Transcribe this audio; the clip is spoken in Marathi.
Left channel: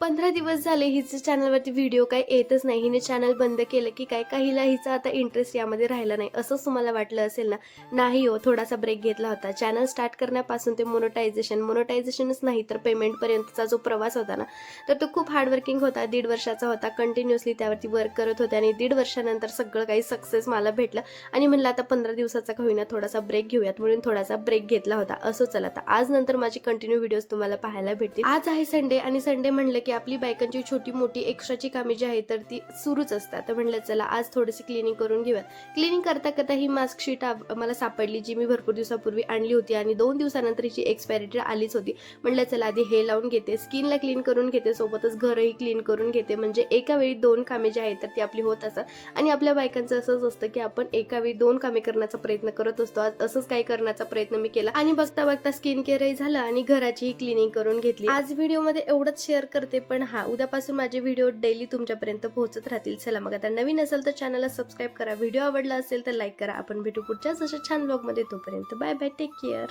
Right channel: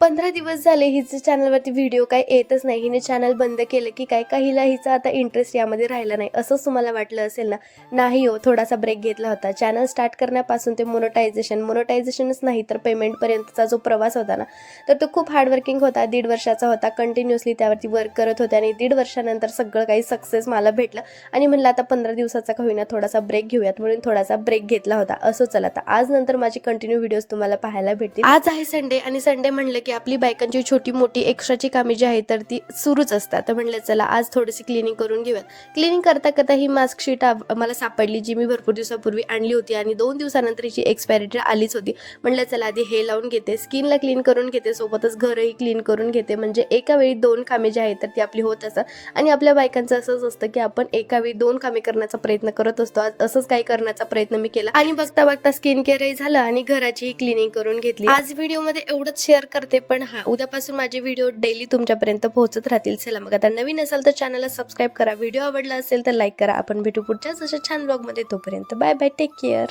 15 दिवस झाले हिचे चॅनलवरती व्हिडिओ काय येतच नाही. हिने चॅनल बंद केलं की काय का हिचा आता इंटरेस्ट यामध्ये राहिला नाही असंच तुम्हाला वाटलं असेल ना. नाही हो, थोडासा ब्रेक घेतला होता. चॅनल स्टार्ट करण्यापासून ते मोनोटायझेशनच नाही तर पेमेंटपर्यंतचा जो प्रवास होता ना, तर तो खूप हार्डवर्किंग होता. 1.5 वर्षाचा होता. कंटिन्युअसली त्यावरती वर्क करत होते आणि 1.5 वर्षानंतर सगळं काही सक्सेस मला भेटलं आणि म्हणलं आता 15 दिवसाचा का होईना थोडासा ब्रेक घेऊयात म्हणून थोडासा ब्रेक घेतला होता. असं चला आता आज नंतर माझी कंटिन्यू व्हिडिओज तुम्हाला पाहायला भेटतील. आज आहे संडे आणि संडे म्हणलं की आपली बायकांची छोटी मोठी एक्स्ट्राची कामे जी आहेत तर ती सुरूच असतात. तर म्हणलं चला आज थोडीशी क्लिनिंग करून घेऊया. क्लिनिंग करता करता ही मास्क शीट मला सापडली जी मी भरपूर दिवसापूर्वी आणली होती आणि 2 दिवसानंतर हिची एक्सपायरी डेट आलीच होती. म्हणलं चला आधी हे लावून घेते, स्किनला क्लीन करून घेते, सोबतच घरही क्लीन करून घेते. म्हणजे एका वेळी 2 कामे जी आहेत तर ती आपली होत असतात. आणि आपल्या बायकांचं असंच असतं की आपण एका वेळी 2 कामे करण्याचा प्रयत्न करत असतो. आज असंच काही करण्याचा प्रयत्न मी केला आणि बघता बघता स्किन केअरही झालं आणि घराचीही क्लिनिंग करून घेतली. आज व्हिडिओमध्ये एवढंच शेअर करते, पण उद्यापासून माझे व्हिडिओ डेली तुमच्यापर्यंत पोहोचत राहतील. चला मग आता नवीन असाल तर चॅनलला सबस्क्राईब करा, व्हिडिओ आवडला असेल तर लाईक करा. आपण भेटू पुढच्याच अशा छान ब्लॉगमध्ये. तोपर्यंत बाय बाय, टेक केअर.